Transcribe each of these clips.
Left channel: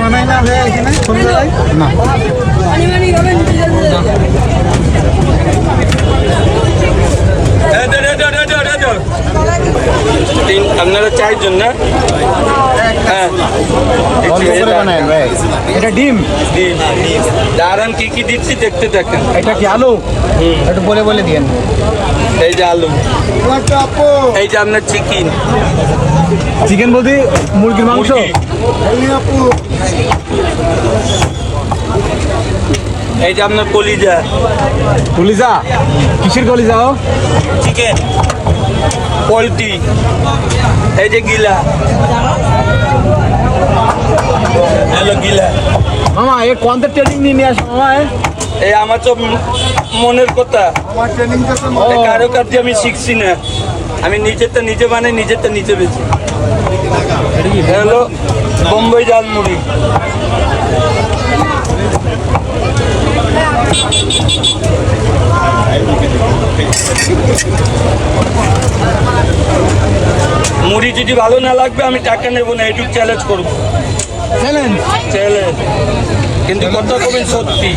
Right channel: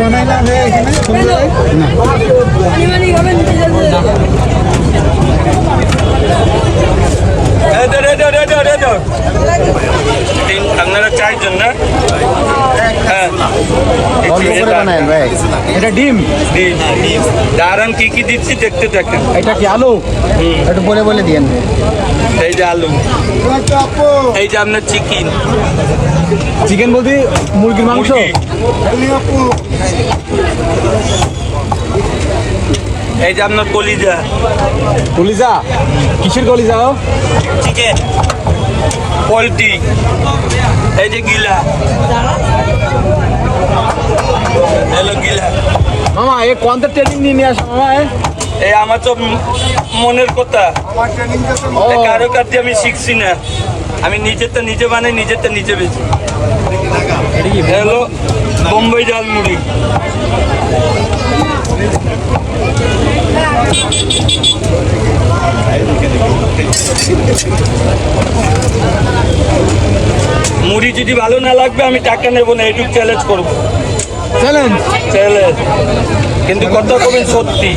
বানাই না এখানে না আপনারা চারজন না? হ্যাঁ, এটা ডিম ডিম দারুন কি কি দিচ্ছি দেখতে দেখেন। এটা কি আলু? বলে বলে দিন। এই যে আলু, এই যে আপনার চিকেন। চিকেন বলতে মুরগির মাংস। এই যে আপনার কলিজা। কলিজা কিসের কলিজা? Chicken poultry. এই যে গিলা, হ্যালো গিলা। হ্যাঁ, এই কোন ট্রেনিং নিয়ে আসা? এই আমার তো মনের কথা, কারো কাছে আমি শিখছি না। আমি নিজেরটা নিজে বানাই, নিজেরটা নিজে বেছি। হ্যালো বোম্বাই জালমুড়ি। মুড়ি যদি ভালো না লাগবে আমি টাকা নেবো না, এটুকু চ্যালেঞ্জ করবো। চ্যালেঞ্জ, কিন্তু কথা কবে সত্যি।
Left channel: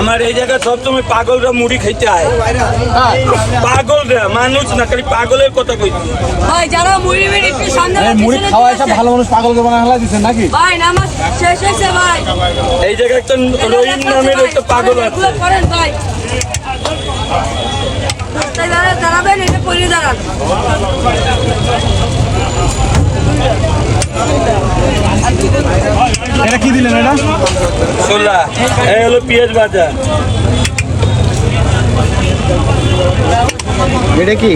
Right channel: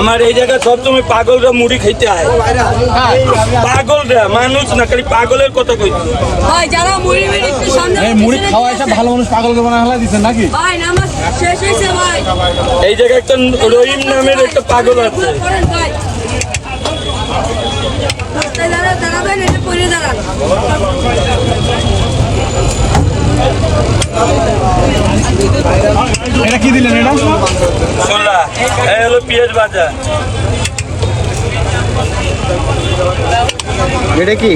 আমার এই জায়গায় সবসময় পাগলরা মুড়ি খেতে হয়। পাগলরা মানুষ না, খালি পাগলের কথা কইছে। ভালো মানুষ পাগলকে বানা দিচ্ছেন নাকি? এই জায়গায় একটা রহিম নামের একটা পাগল আছে। এটা কি দিলেন? এটা ছোলা, এই হলো পেঁয়াজ বাজার। এটা কি?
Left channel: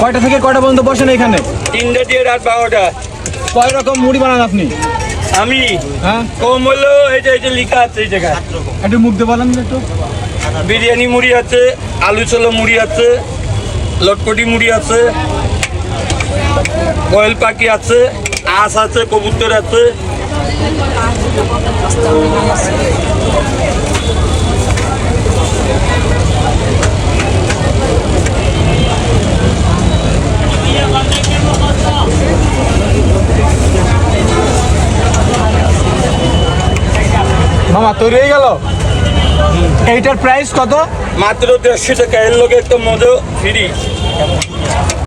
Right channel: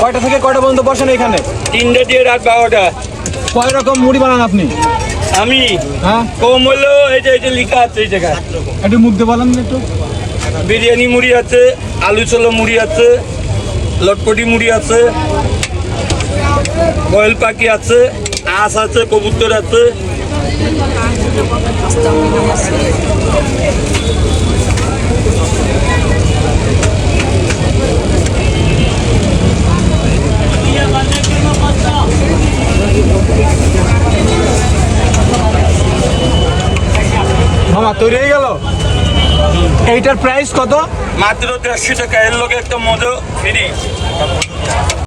কয়টা থেকে কয়টা পর্যন্ত বসেন এখানে? 3টা দিয়ে রাত 12টা। কয় রকম মুড়ি বানান আপনি? আমি হ্যাঁ, কম হলো এই যে লেখা আছে এই জায়গায়। একটু মুখ দিয়ে বলেন একটু। বিরিয়ানি মুড়ি আছে, আলু ছোলা মুড়ি আছে, লটপটি মুড়ি আছে, বয়েল পাখি আছে, আঁশ আছে, কবুতর আছে। মামা তৈরি হয়ে গেল। এইটার প্রাইস কত? মাত্র 150 টাকা। এর লোক একটা মজা ফ্রি।